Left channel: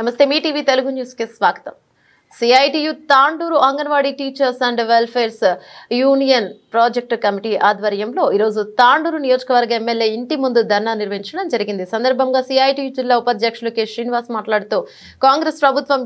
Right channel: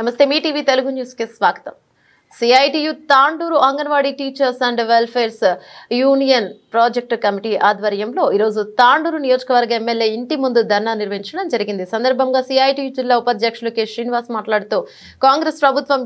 నమస్తే మీ TV Telugu news కి స్వాగతం. CITU Tandur anganwadi teachers and welfares union project committee ఆధ్వర్యంలో ఈరోజు తాండూరు నియోజకవర్గ ఎమ్మెల్యే ఇంటి ముందు ధర్నా నిర్వహించడం జరిగింది. సందర్భంగా సిఐటియు జిల్లా ఉపాధ్యక్షులు కె శ్రీనివాస్ మాట్లాడుతూ కాంగ్రెస్ ప్రభుత్వం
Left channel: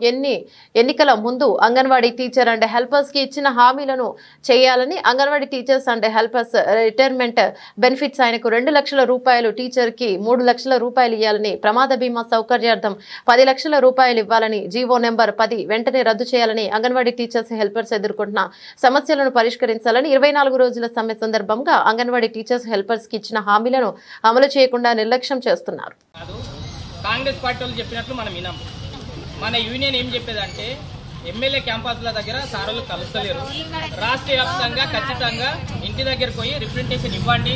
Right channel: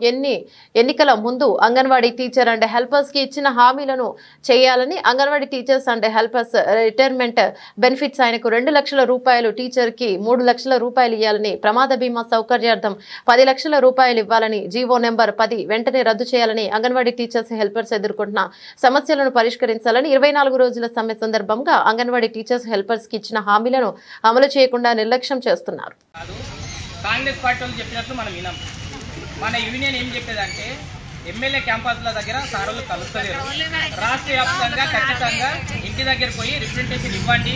ఎన్నికల ముందు అంగన్వాడీ టీచర్ అండ్ హెల్పర్స్ కి ఇచ్చిన హామీలను చేయాలని, anganwadi teachers and helpers retirement benefits ఆయనకు 2 లక్షల రూపాయలు, టీచర్ కి 3 లక్షల రూపాయలు ఇవ్వాలని, ప్రమాద బీమా సౌకర్యార్థం 10 లక్షల రూపాయలు ఇవ్వాలని, జీవో నెంబర్ 10 వెంటనే రద్దు చేయాలని, అంగన్వాడీ టీచర్స్ హెల్పర్స్ ఎదుర్కొంటున్న సమస్యలను పరిష్కరించాలని, 24 రోజుల సమ్మె సందర్భంగా అంగన్వాడీ టీచర్స్ హెల్పర్స్ కి ఇచ్చిన హామీలను అమలు చేయకుండా నిర్లక్ష్యం చేస్తున్నారు. కాంగ్రెస్ పార్టీ వాళ్ళు చెప్పినట్లు మనం వినాం. మన యూనియన్ ఏం చెప్పేదంటే ఎమ్మెల్యే క్యాంపస్ల దగ్గర సార్లు కలుస్తలేరు, రాష్ట్ర వ్యాప్తంగా ఖచ్చితంగా ఇంటి దగ్గరకు పోయి రిప్రజెంటేషన్ ఇవ్వండి,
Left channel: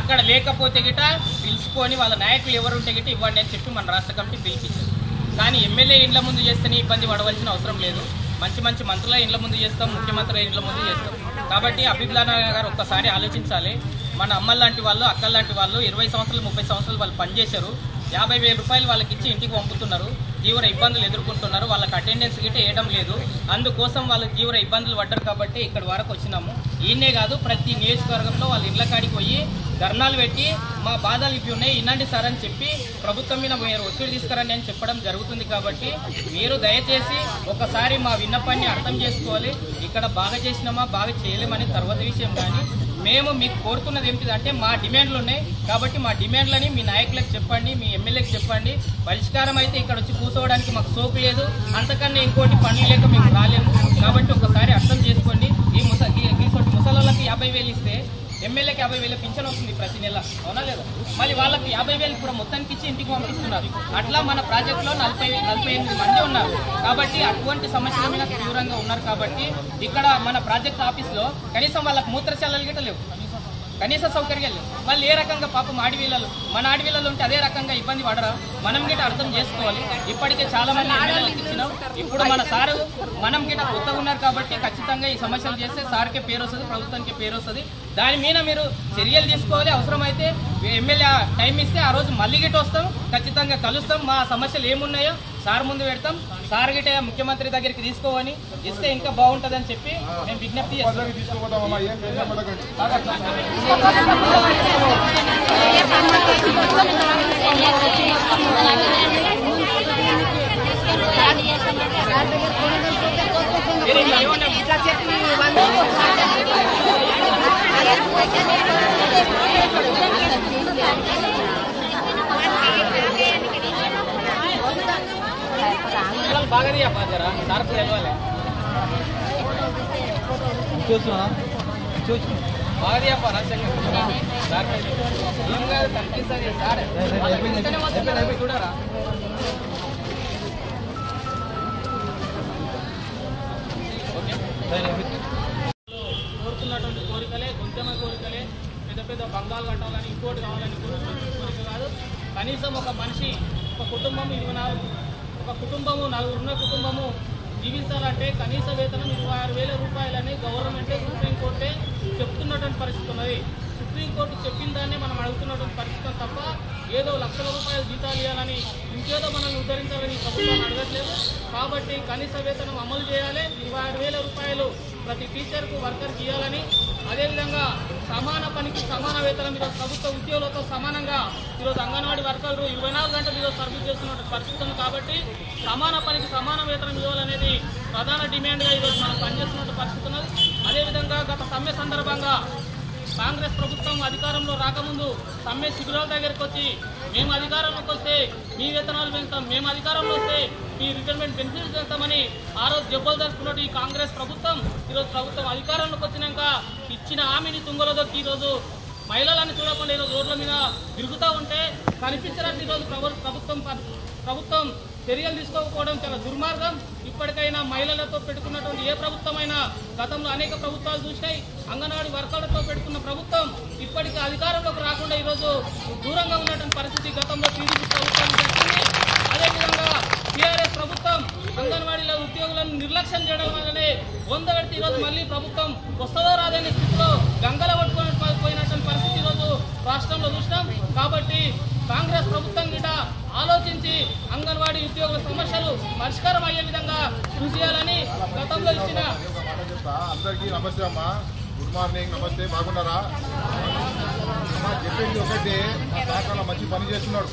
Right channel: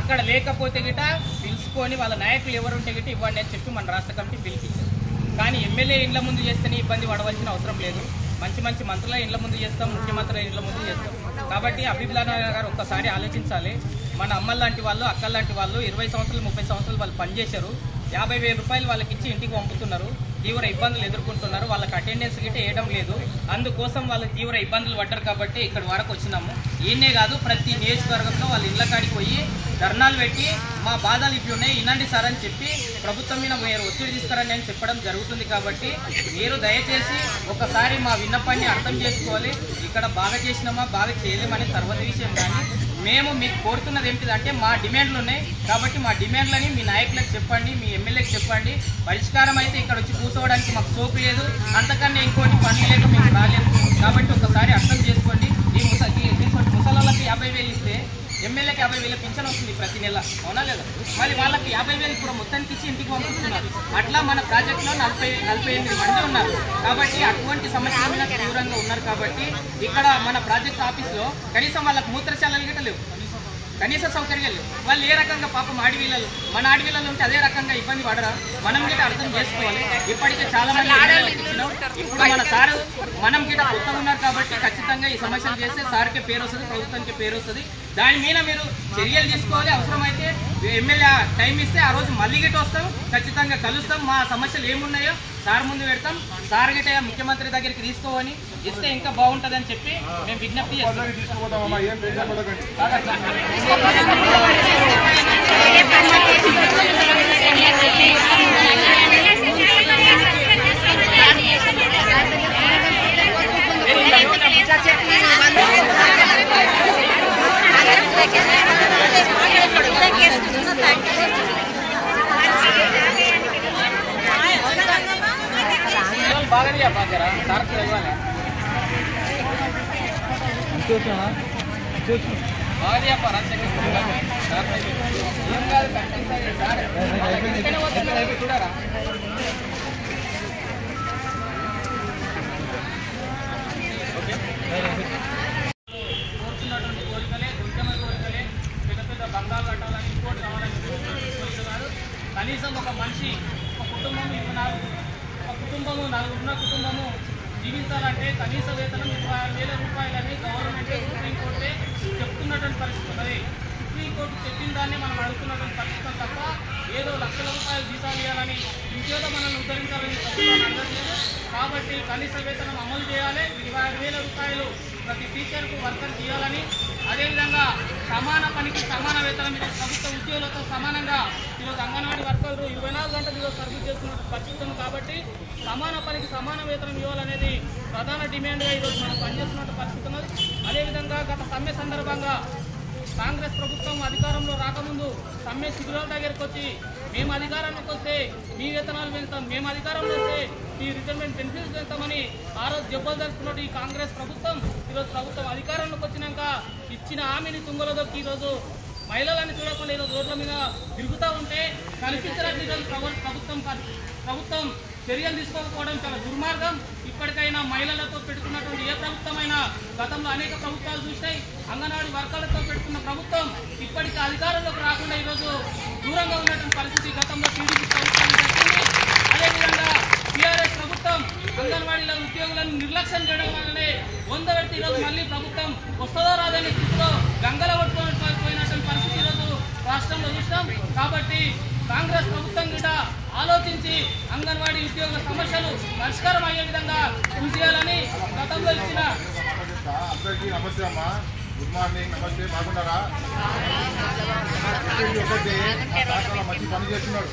అక్కడ లేకపోతే గిట పిలుచుకొని వాళ్ళ నాయకులు ఎవరు ఉంటే గిట ఇవ్వండి అని చెప్పి మన రాష్ట్ర కమిటీ పిలిపించారు. కానీ ఎమ్మెల్యే ఇండ్ల ముందు చేస్తేనే ఇబ్బంది పడవలసిన అవసరం లేదు. మంచి మంచి మంత్రుల ఇండ్ల ముందు చేస్తాం, ముఖ్యమంత్రుల ఇండ్ల ముందు చేస్తాం. కాబట్టి అభిప్లాన గారు ఒక్కసారి ఆలోచించాలి. మన అమ్మల లాంటి వాళ్ళు, అక్కల లాంటి వాళ్ళు 20 సంవత్సరాలు 30 సంవత్సరాలు వాళ్ళు పనిచేశారు. 50,000 రూపాయలు వాళ్ళకి ఇచ్చి ఇంటికి పంపుతున్నారు, తీవ్ర ఇబ్బందులు ఎదుర్కొంటున్నారు. వాళ్ళకి అటెండెన్స్ గిట్ట వేయడం లేదు. అందుకోసం వాళ్ళు తీవ్ర ఇబ్బందులు పడ్డారు. కాబట్టి ఇక్కడ వరకు వచ్చినాము. ఈయనే కాదు, ప్రతి నియోజకవర్గంలో వాళ్ళ ఇళ్ల కాడికి పోయి ధర్నాలు పెట్టి మా బాధలు ఇవి ఉన్నాయి ఇనండి సార్ అని చెప్పి ప్రభుత్వం మీద మీరు ఒత్తిడి తీసుకురండి అని చెప్పడం జరుగుతుంది. కాబట్టి మీరు దయచేసి ఒకసారి మా విన్నపాన్ని అర్థం చేసుకోవాలి. ఇక్కడ బాగా చేసినామా బాగా చేయలేమని తర్వాత విషయం. కానీ మేము మీకు కోరుతున్నది ఏంటిదంటే మా డిమాండ్లు ఉన్నాయి. కాబట్టి మా డిమాండ్లని మీ నాయకులకు చెప్పండి, మీ ఎమ్మెల్యేకి చెప్పండి. పరిష్కారం అయితే ఇక్కడ వచ్చి కూర్చోవడానికి మాకు సోపు లేదు, అంతకన్నా ఇంకోటి పని లేక మేము రాలేము. కాబట్టి ఒకసారి అర్థం చేసుకోండి. ముసలాళ్ళకి 50,000 ఇస్తే ఎమ్మెల్యేకి 50,000 పింఛన్ వస్తుంది ప్రతి నెల, అవునా లేదా? మళ్ళీ వాళ్ళకి 50,000 ఇప్పుడు మొత్తానికి ఇచ్చి ఇంటికి పంపిస్తున్నారు. అట్లా మన ప్రాజెక్టులో 48 మంది ఉన్నారు. కాబట్టి అటువంటి సమస్యల మీద తీవ్రంగా ఉన్నారు. కాబట్టి ఇక్కడ మన ప్రాజెక్ట్ ఆఫీస్లో కనీసం వాళ్ళకి మూత్రశాలలు గిట్ట లేవు, కనీస సౌకర్యాలు లేవు. వాళ్ళు ఏ రకంగా పాపం ఆడపిల్లలు, మన ఆడపిల్లలు ఉంటే అదే రకంగా ఇబ్బంది పడరా? మనం గిట్ట అర్థం చేసుకోవాలి. ఇప్పటికే చాలా మంది ఎమ్మెల్యేలకు ఇచ్చినాం. ఇప్పుడు మన సార్ మనం గిట్ట కొత్తగా ఉన్నారు. కాబట్టి ఖచ్చితంగా ఈ సమస్యలు చేస్తే సార్కే పేరు వస్తుంది, ప్రభుత్వానికి పేరు వస్తుంది. దాని మీద మీరు చర్యలు తీసుకోవాలి. అవసరమైతే ఎమ్మెల్యే టైం ఇస్తే ఆ రోజు మళ్ళీ గిట్ట వస్తాం, ఖచ్చితంగా కలుస్తాం. మా సమస్యలు ఏమున్నాయో సార్ ముందు పెడతాం. సార్ గిట్ట ముఖ్యమంత్రి దగ్గరికి తీసుకోవని ఇస్తే ఇంకా బాగుంటుందని చెప్పి మేము విజ్ఞప్తి చేస్తాం. బాగా బాగా ఏం కాదు కనిపిస్తుంది సార్ చూడరా. కోరుతున్నటువంటి కోరికలే ఉద్యమ కోరికలే, పెద్ద పెద్ద బంగాలు కట్టాలని, ఇంకోటి కావాలని కోరిక కాదు. కనీసం ఒక మనిషి, ఒక కుటుంబం 24, ఒక కుటుంబము 4 ఉన్న కుటుంబము జీవించాలంటే కనీస వేతనం 26,000 రూపాయలని గవర్నమెంటే, సుప్రీంకోర్టే చెప్తున్నటువంటి పరిస్థితి ఉన్నది. సుప్రీంకోర్టు చెప్పిన దాన్ని మనం అడుగుతున్నటువంటి పరిస్థితి తప్ప ఏదో లక్షల రూపాయలు జీతాలు ఇవ్వాలని, ఇంకేదో మనల్ని ఉద్ధరించాలని ప్రభుత్వాన్ని అడగట్లేదు. కాబట్టి కనీస వేతనం అమలు చేయాలి. 26,000 రూపాయలు ప్రతి టీచర్కు వర్కర్కి ఇవ్వాలని, అదేవిధంగా సమాన పనికి సమాన వేతనం మీద ప్రభుత్వ ఉద్యోగులతో సమానంగా ఈరోజు అంగన్వాడీ వర్కర్లు 24 గంటలు ఈరోజు సర్వీస్ చేస్తున్న పరిస్థితి ఉంది. కాబట్టి సమాన పనికి సమాన వేతనం ఇవ్వాలనేది ప్రధాన డిమాండ్గా ఈరోజు మనం పనిచేస్తున్న పరిస్థితి ఉన్నది. అదేవిధంగా గత సమ్మె సందర్భంగా కాంగ్రెస్ ప్రభుత్వం అధికారంలో రాకముందు సమ్మె శిబిరాల దగ్గరికి వచ్చి మేము అధికారంలోకి వస్తే మీ వేతనాలు పెంచుతాం, మేము అధికారంలో వస్తే మీ రిటైర్మెంట్ బెనిఫిట్స్ పెంచుతామని ఆ రోజు జబ్బలు జరుపుకున్నట్టు ఈ కాంగ్రెస్ ప్రభుత్వం ఈరోజు ప్రభుత్వం అధికారంలోకి వచ్చినాక ఇచ్చిన హామీని తుంగలో దొరికి ఈరోజు మహిళలను చూడకుండా ఈరోజు రోడ్ల మీద తిరుగుతూ ఉంటే కనిపించడానికి ఈరోజు ప్రభుత్వం చర్యలు తీసుకోకపోవడం చాలా దుర్మార్గం. ఇప్పటికైనా మహిళలతో పెట్టుకున్నటువంటి ఏ ప్రభుత్వమైనా గతంలో అనేక ప్రభుత్వాలు చూసినాయి. అంగన్వాడీ వర్కర్లతో పెట్టుకున్న ప్రభుత్వం ఇప్పటికీ అధికారంలోకి రాకుండా ఈరోజు దూరంగా ఉన్నటువంటి పరిస్థితి గతంలో టీడీపీ ప్రభుత్వం జరిగింది. అదేవిధంగా టీఆర్ఎస్ ప్రభుత్వం అంగన్వాడీల ఉద్యోగులను నిర్లక్ష్యం చేయడం వల్లనే 100 పెడితే ఈరోజు మళ్ళీ ప్రభుత్వం వస్తుందో రాదనే స్థితిలో గంగల కొట్టుకొని పోయినటువంటి పరిస్థితి ఈరోజు రాష్ట్రంలో చూసినాం. కాబట్టి కాంగ్రెస్ ప్రభుత్వం గిట ఆలోచించి అంగన్వాడీ ఉద్యోగుల సమస్యలు పరిష్కారం అయ్యే విధంగా కృషి చేయాలని గతంలో ఇచ్చిన అందరికీ నమస్తే అమ్మా. గుడ్ మార్నింగ్, నమస్తే. బాగున్నారా? చెప్పేది ఒకటే, మా తాత మంచి పని చేస్తున్నాడు,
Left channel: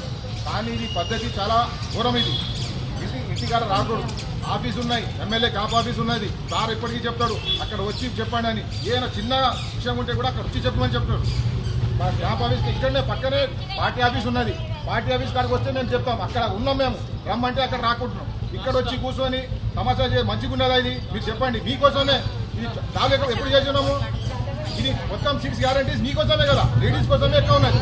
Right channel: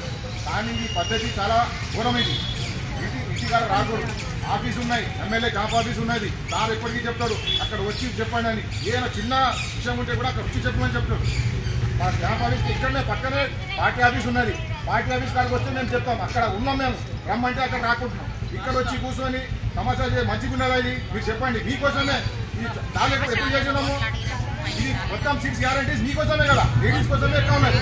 కానీ ఇది పద్ధతి చాలా ఘోరం. ఇది ఇంటికాడ రాకూడదు. ఆఫీస్ ఉన్నాయి, ఎమ్మెల్యే క్యాంప్ ఆఫీస్ ఉన్నది. సార్ ఎప్పటికీ చెప్తాడు అక్కడ వచ్చి చెప్పండి అని. ఏదైనా చిన్న విషయం ఉంటే కూడా అక్కడ వచ్చి చెప్పమని చెప్తాడు. మన క్యాంప్ ఆఫీస్కి ఇక్కడనే పక్కనే పార్టీ ఆఫీస్ ఉన్నది. పార్టీ ఆఫీస్ కాడికి వస్తే మేము చెప్తాం, అక్కడ ఉన్నాం మేము, రమ్మంటే అక్కడ రాకుంటున్నాం. ఇక్కడ వచ్చి కూర్చొని సమాచారం మంచిగా ఉన్నదా ఇది మీరు చెప్పండి. మీకోసమే ఇది చాలా ఎప్పుడు చేస్తున్నాము. ఇది మొత్తం 6 గ్యారంటీస్ మీకోసమే కదా, లేడీస్ కోసమే ఎక్కువ ఉన్నది.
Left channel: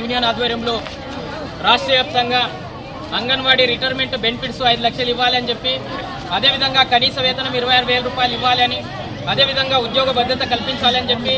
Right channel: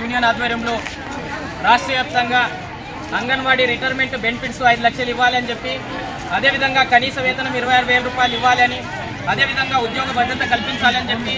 యూనియన్ ఆధ్వర్యంలో రాష్ట్ర వ్యాప్తంగా అంగన్వాడీ రిటైర్మెంట్ బెనిఫిట్స్ 5 లక్షలు ఇవ్వాలని చెప్పి, అదేవిధంగా కనీస వేతనం 26,000 రూపాయలు ఇవ్వాలని, అదేవిధంగా ఉద్యోగ భద్రత కల్పించాలని చెప్పి,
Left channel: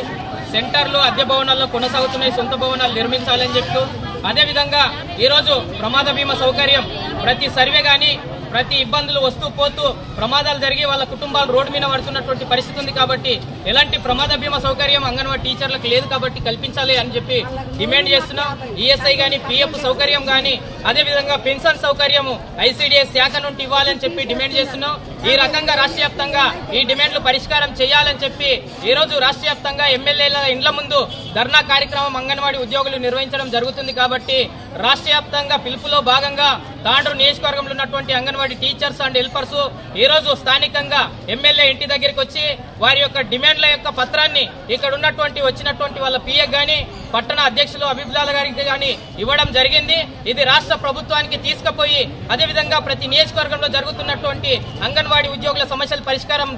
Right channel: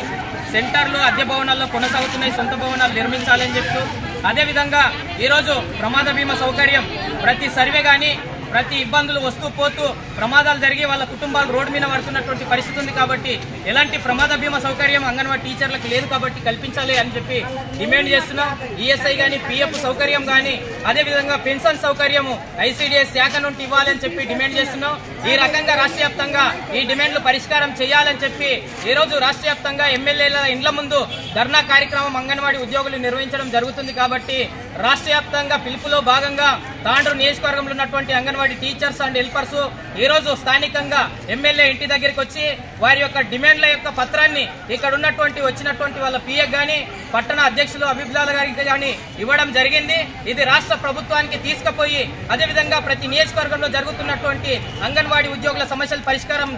సెంటర్లు అద్దె భవనాల్లో కొనసాగుతున్నాయి, సొంత భవనాలు నిర్మించాలని చెప్తూ, అదేవిధంగా ఈరోజు ప్రమాద బీమా సౌకర్యం ప్రతి సర్వే కానీ ప్రతి ఇబ్బందులు వస్తూ పోతూ ప్రమాదాలు జరిగి వాళ్ళ కుటుంబాలు రోడ్డు మీద పడుతున్నటువంటి పరిస్థితి ఉంది. కాబట్టి ఎలాంటి ప్రమాద బీమా సౌకర్యం అంగన్వాడీ టీచర్లకు లేదు కాబట్టి కల్పించాలి అని చెప్పి డిమాండ్ చేస్తున్నాం. ఈఎస్ఐ కానీ పిఎఫ్ సౌకర్యం కానీ అదేవిధంగా పెన్షన్ సౌకర్యము ఐసీడీఎస్ శాఖ నుండి ఇవ్వాలని చెప్పి డిమాండ్ చేస్తున్నాం. ఈ రకంగా రాష్ట్ర వ్యాప్తంగా ఈ డిమాండ్లు పరిష్కారం చేయాలని చెప్పి ఈరోజు రాష్ట్ర వ్యాప్తంగా ఎమ్మెల్యేల ఇండ్ల ముందు ధర్నా కార్యక్రమం అంగన్వాడీ ఉద్యోగులు నిర్వహించడం జరుగుతుంది. కాబట్టి రాష్ట్ర వ్యాప్తంగా పిలుపులో భాగంగా తాండూరు నియోజకవర్గంలో ఉన్నటువంటి అంగన్వాడీ టీచర్స్ అండ్ హెల్పర్స్ ఈ రోజు స్థానికంగా ఎమ్మెల్యే ఇంటి దగ్గరికి వచ్చి వారి యొక్క డిమాండ్ల యొక్క పత్రాన్ని ఇక్కడ ఉన్నటువంటి వచ్చినటువంటి వాళ్ళ పిఏ గాని పట్టణ అధ్యక్షులు అభిప్రాయాల గారికి గాని ఇవ్వడం జరిగింది. ఇది రాష్ట్ర ప్రభుత్వానికి తీసుకుపోయి అదేవిధంగా ప్రతి నియోజకవర్గంలో జరుగుతున్నటువంటి అంగన్వాడీ ఉద్యోగుల సమస్యల పరిష్కారం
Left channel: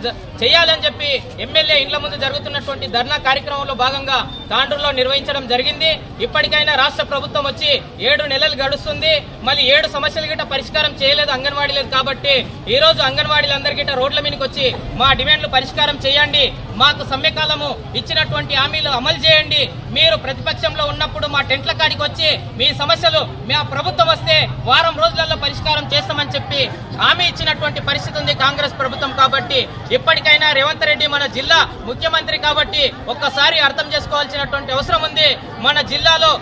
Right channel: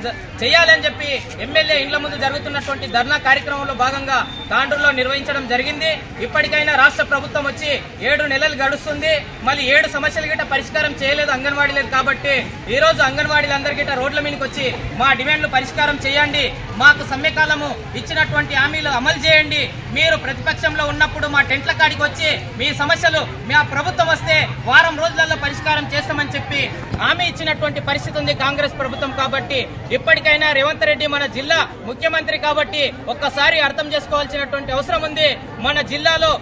చేయాలని చెప్పి ఎమ్మెల్యే ఇండ్ల ముందు జరుగుతున్నటువంటి ధర్నా కార్యక్రమంలో భాగంగా తాండూరులో నిర్వహించడం జరిగింది. ఇప్పటికైనా రాష్ట్ర ప్రభుత్వం వచ్చి 7 నెలలు గడుస్తుంది, మళ్ళీ 7 సమస్యలు గిట్ట పరిష్కారం చేయలేదు అంగన్వాడీ లేదు. కాబట్టి ఈ రోజు అంగన్వాడీలందరి గిట్ట రోడ్ల మీదకి వచ్చి మా డిమాండ్లు పరిష్కారం చేయండి, మాకు సమ్మెకాలము ఇచ్చినటువంటి హామీలు అమలు చేయండి, మీరు ప్రతిపక్షంలో ఉన్నప్పుడు మా టెంట్ల కాడికి వచ్చి మీ సమస్యలు మా ప్రభుత్వం వస్తే వారం రోజులలో పరిష్కారం చేస్తామని చెప్పి హామీ ఇచ్చినటువంటి పరిస్థితి ఉంది కాంగ్రెస్ ప్రభుత్వం. కాబట్టి ఇప్పటికైనా రేవంత్ రెడ్డి మన జిల్లా ముఖ్యమంత్రి కాబట్టి ఒక్కసారి అర్థం చేసుకోవాల్సినటువంటి అవసరం ఉంది. మన జిల్లాలో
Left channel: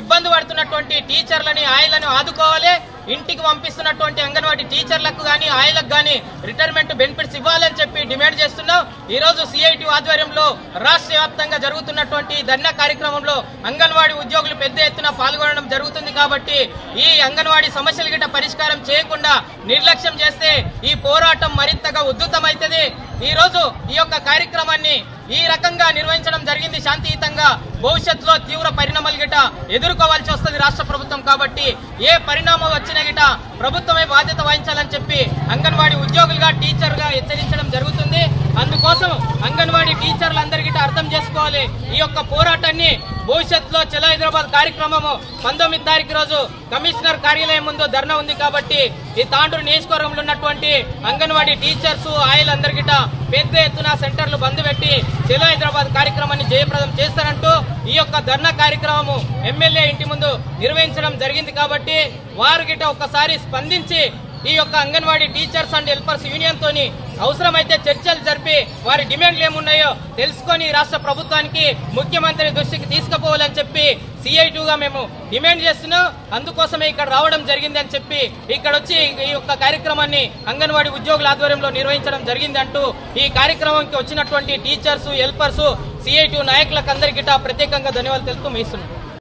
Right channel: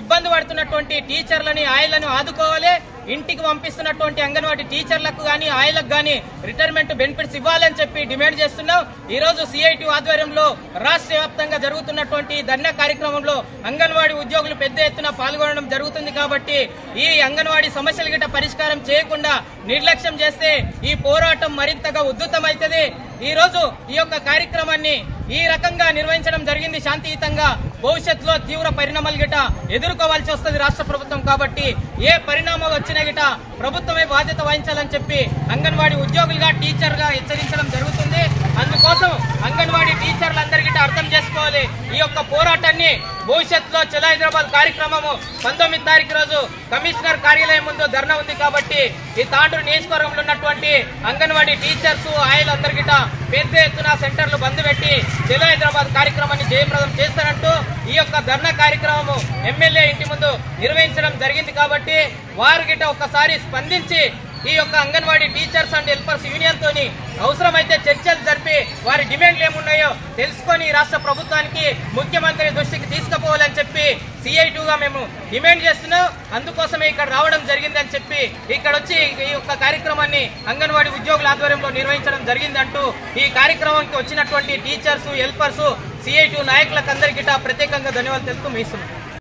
ఇబ్బంది పడుతున్నటువంటి టీచర్లని ఆయలను ఆదుకోవాలి, ఇంటికి పంపిస్తున్నటువంటి అంగన్వాడీ టీచర్లకు గానీ ఆయలకు గానీ రిటైర్మెంట్ బెనిఫిట్స్ ఇవ్వాలని చెప్పి డిమాండ్ చేస్తున్నాం. ఈ రోజు సిఐటి ఆధ్వర్యంలో రాష్ట్ర వ్యాప్తంగా జరుగుతున్నటువంటి ధర్నా కార్యక్రమంలో అంగన్వాడీ ఉద్యోగులు పెద్ద ఎత్తున పాల్గొనడం జరుగుతుంది. కాబట్టి ఈ అంగన్వాడీ సమస్యలు గిట్ట పరిష్కారం చేయకుండా నిర్లక్ష్యం చేస్తే ఈ పోరాటం మరింతగా ఉధృతమవుతుంది. ఈ రోజు ఈ యొక్క కార్యక్రమాన్ని ఈ రకంగా నిర్వహించడం జరిగింది శాంతియుతంగా. భవిష్యత్తులో తీవ్ర పరిణామాలు గిట ఎదుర్కోవాల్సి వస్తుంది రాష్ట్ర ప్రభుత్వం. కాబట్టి ఏ పరిణామం వచ్చినా గిట ప్రభుత్వమే బాధ్యత వహించాలని చెప్పి అంగన్వాడీ ఉద్యోగులుగా టీచర్గా హెచ్చరించడం జరుగుతుంది. అందుకోసం అంగన్వాడీ టీచర్లందరి గిట అర్థం చేసుకోవాలి. ఈ యొక్క పోరాటాన్ని భవిష్యత్తులో చలో హైదరాబాద్ కార్యక్రమము 19వ తారీఖు రోజు కమిషనర్ కార్యాలయం ముందు ధర్నా ఉంది. కాబట్టి ఈ తాండూరు నియోజకవర్గంలో ఉన్నటువంటి అంగన్వాడీ టీచర్స్ ఆయలందరి గిట పెద్ద ఎత్తున సెంటర్లు బంద్ పెట్టి చలో హైదరాబాద్ కార్యక్రమాన్ని జయప్రదం చేస్తారంటూ ఈ యొక్క ధర్నా కార్యక్రమము ఎమ్మెల్యే ఇంటి ముందు నిర్వహించడం జరిగింది. కాబట్టి వారు గిట ఒక్కసారి స్పందించి ఈ యొక్క anganwadi teachers and helpers union తోని అవసరమైతే చర్చలు జరిపి వారి డిమాండ్లు ఏమున్నాయో తెలుసుకొని రాష్ట్ర ప్రభుత్వానికి ముఖ్యమంత్రి దృష్టికి తీసుకుపోవాలని చెప్పి సిఐటిగా మేము డిమాండ్ చేస్తున్నాం. అందుకోసమే ఇక్కడ రావడం జరిగింది అని చెప్పి ఇక్కడ వచ్చి ఈ యొక్క కార్యక్రమాన్ని అంగన్వాడీ ఉద్యోగుల ఆధ్వర్యంలో నిర్వహించడం జరిగింది అంటూ ఈ కార్యక్రమానికి వచ్చినటువంటి టీచర్స్ హెల్పర్స్ సిఐటి నాయకులకు అందరికీ ప్రత్యేకంగా ధన్యవాదాలు తెలుపుతూ ముగిస్తున్నాం.